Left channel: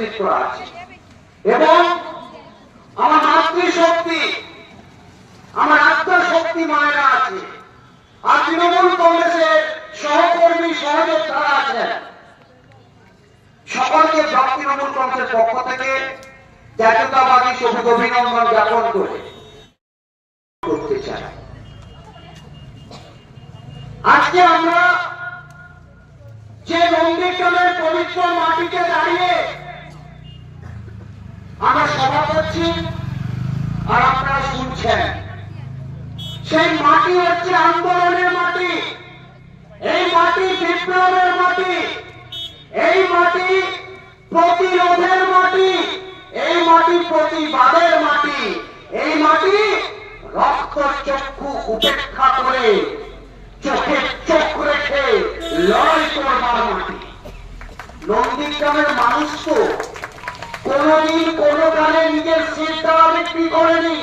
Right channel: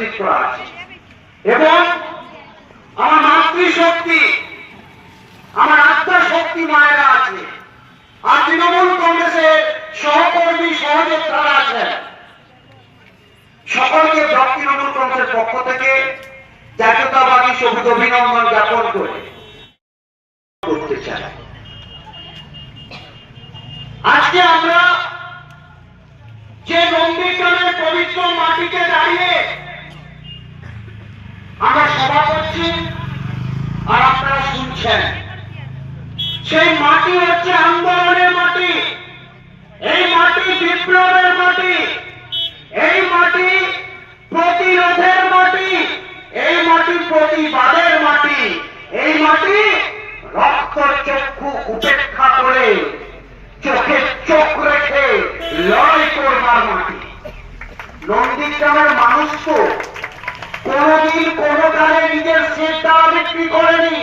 নেতৃত্ব আছে। এবং আমার মাতৃশক্তি, আমার শক্তি মায়েরা আছে। আর তৃণমূল কংগ্রেসের সহকর্মী সকলকে তৃণমূল কংগ্রেসের পক্ষ থেকে জাতীয়তাবাদী সবুজ অভিনন্দন জ্ঞাপন করে করতে চাই। আজকে আমরা যে নন্দীগ্রামের পবিত্র মাটিতে দাঁড়িয়ে আমরা সভা করছি আর আপনারা শুনছেন। সেই মাটি হচ্ছে আন্দোলনের মাটি। এই মাটি বিপ্লবের মাটি। এই মাটি প্রতিরোধের মাটি। এই মাটি প্রতিবাদের মাটি। এই মাটি রক্ত চক্ষু উপেক্ষা করে চোখে চোখ রেখে লড়াই করবার মাটি। নন্দীগ্রামের মানুষ তো কোনদিন কোনো কালে নিজের সেটা বিক্রি করেনি।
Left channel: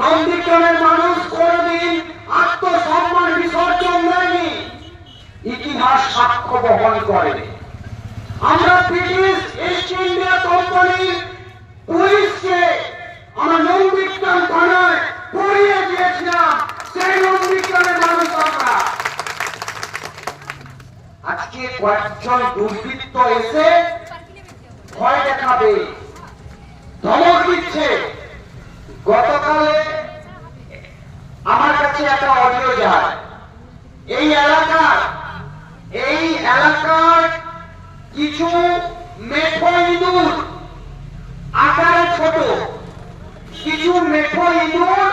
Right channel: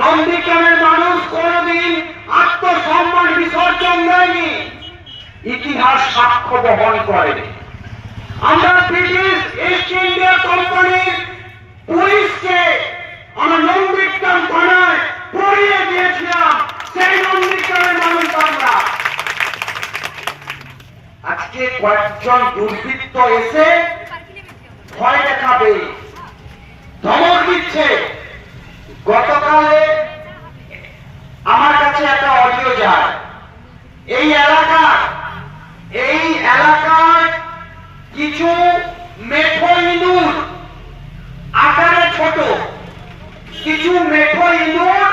নন্দীগ্রামের মানুষ কোনদিন আত্মসম্মান বিসর্জন দেয়নি। ইতিহাস সাক্ষ্য বহন করে। আমরা ব্রিটিশ ইস্ট ইন্ডিয়া কোম্পানির পুলিশকে আমরা নন্দীগ্রাম থানায় পড়িয়ে দিয়েছিলাম। সেই নন্দীগ্রামের মানুষ আমরা। আজকে কয়েকজন দুর্বৃত্ত এসে ভয় দেখাবে। ধমক দিচ্ছে। গতকালে আমার কাছে একটা অডিও যায়। এই এলাকার এই এলাকার কিছু মেঠো ইঁদুর, আকারে ছোট। কিছু মেঠো ইঁদুর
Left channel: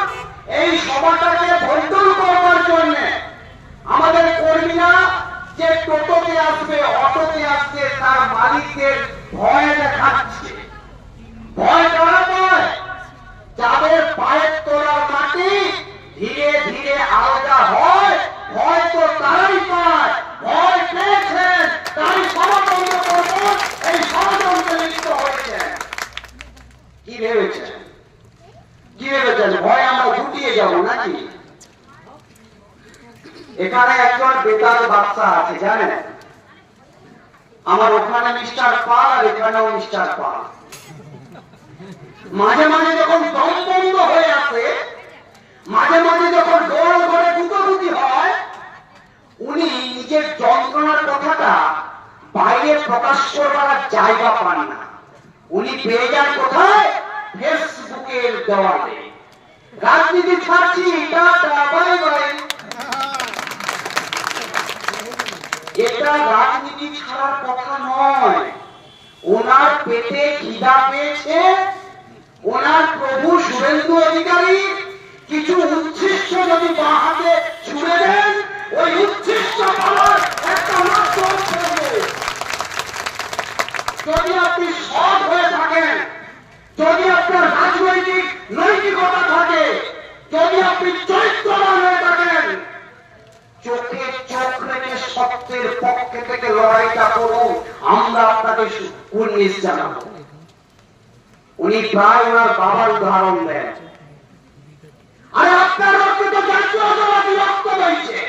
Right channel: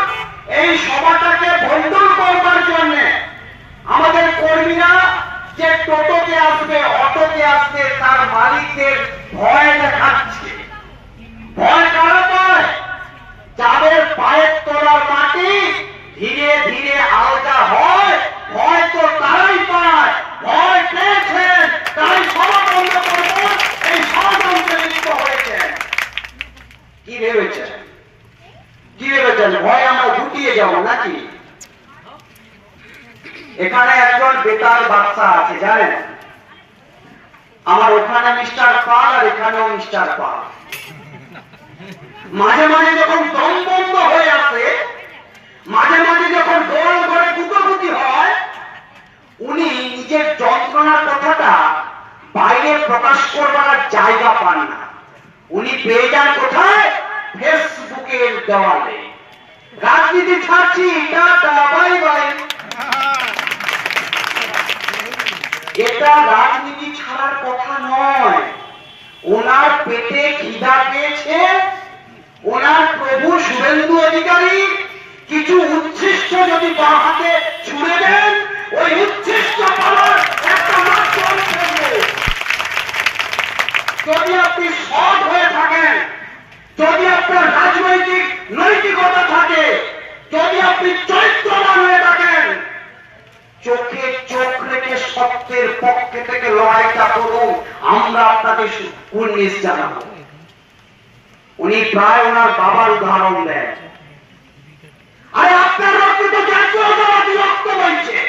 এই সভাটাকে ভণ্ডুল করবার জন্য। আমাদের কর্মীরা যে টোটোতে আসবে, অটোতে আসবে, তার মালিকদের ভয় দেখাচ্ছে। ভয় করা যাদের পায়ের তোলার মাটি ধীরে ধীরে আলাদা হয়, ভয় তো তারাই পায়। ভয় পেয়েছেন, তাই এই ষড়যন্ত্রে লিপ্ত কি ভেবেছেন? কি ভেবেছেন? ভয় আমরা গুটিয়ে যাব নাকি? এখানে একজন বেতার বাচ্চা আছে, জানেন? আমার ওখানে মিস্টার পাল আর এখানেও মিস্টার পাল। মাঝে মাঝে যখন দম বন্ধ হয়ে আসে, মাঝে মাঝে যখন দোল ঘরে গুটোগুটি হয়, উনি নিজের যন্ত্রণার কথাটা বাইরে প্রকাশ করবার জায়গা পান না। উনি পেয়ে যান কোথায়? ফেসবুকের দেওয়ালে। রাজনীতি ছাড়ছি, টাটা বাই বাই এটা রাজনীতি ছাড়ার কথা নয়। ওনার পেটে খিদা পেয়েছে, ওনার প্রভু শুভেন্দু অধিকারী কিছু উচ্ছিষ্ট যদি বাঁ হাতে ছুড়ে দেন, ওই উচ্ছিষ্ট যদি আপনি সৎ হয়ে থাকেন, যদি আপনার রাজনৈতিক, নৈতিকতা থাকে, যদি আপনি চরিত্রবান হয়ে থাকেন চোখে চোখ রেখে সত্যের পক্ষে থেকে লড়াইটা করুন আমরা আপনাকে কুর্নিশ জানাব। উনি প্রায় ওনার বাবার উদাহরণ দেন। আর আপনার রক্ত তো রক্ত বইছে।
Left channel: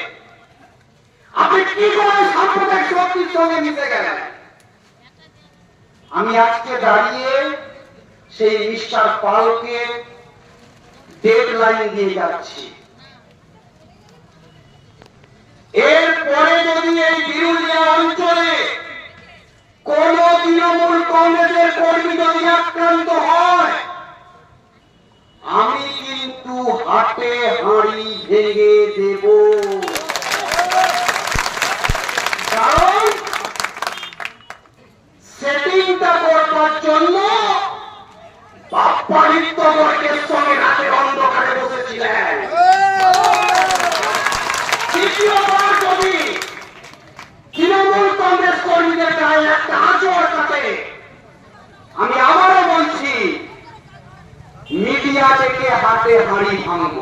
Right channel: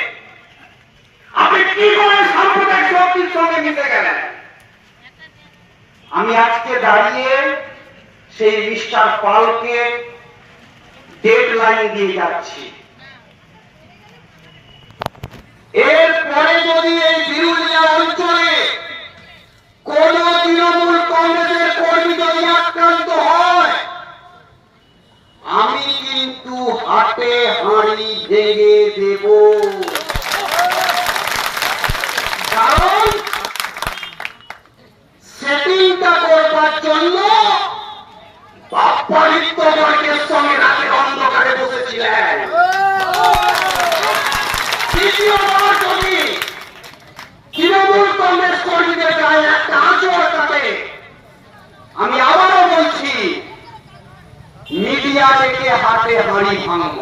আপনি কি করে সাম্প্রদায়িক শক্তির সঙ্গে মিশে গেলেন? আমি আজকে দাঁড়িয়ে সেই মিস্টার পালকে ডেড লাইন দিয়ে যাচ্ছি। এরপরে যদি এই বিরোধীরা অঞ্চলে কোন তৃণমূল কংগ্রেসের কর্মী যদি আক্রান্ত হয়, আমি কিন্তু হাতে হাঁড়ি ভেঙে দেব। মিডিয়া থেকে হাতে হাঁড়ি ভাঙব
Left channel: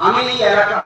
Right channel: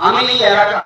আমি এলাকা